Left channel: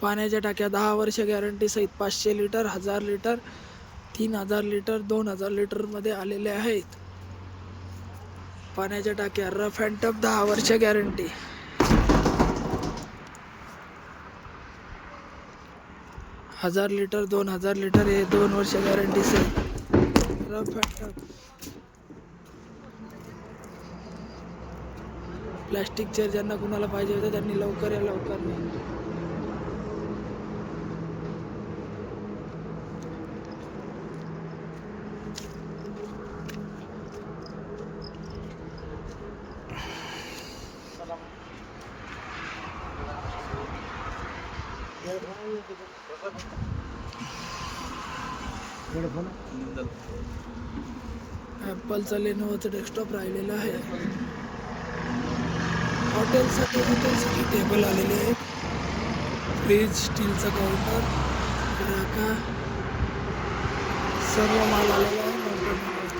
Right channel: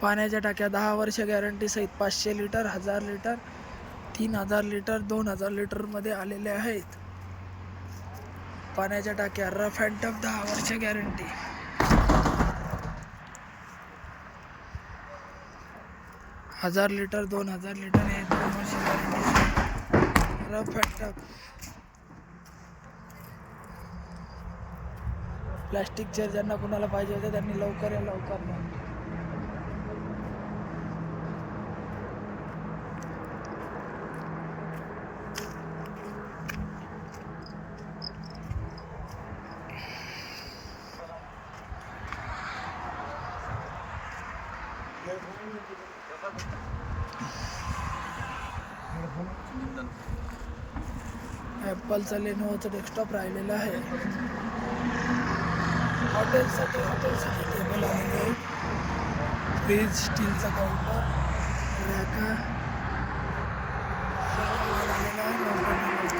पाण्याच्या टाक्या दहा वर्ष गॅरंटी सहित पाचशे लिटर हजार लिटर तीन हजार लिटर दोन हजार लिटरमध्ये आलेले आहेत. पाण्याच्या टाक्या रफ अँड टफ दहा वर्ष गॅरंटी. हजार लिटर दोन हजार लिटर हे दोन वर्ष गॅरंटीचे rough and tough. Plastic chair ज्यांना कुणाला पाहिजे होते त्यांनी लवकर या लवकर न्या. ॲपलचा लेनोवाचं डेस्कटॉप राहिलेलं आहे. हॉटेलसाठी हॉटेलसाठी टेबल आलेले आहेत. फ्रीज स्टीलचा काउंटर रॅका सर्व माल आलेला आहे.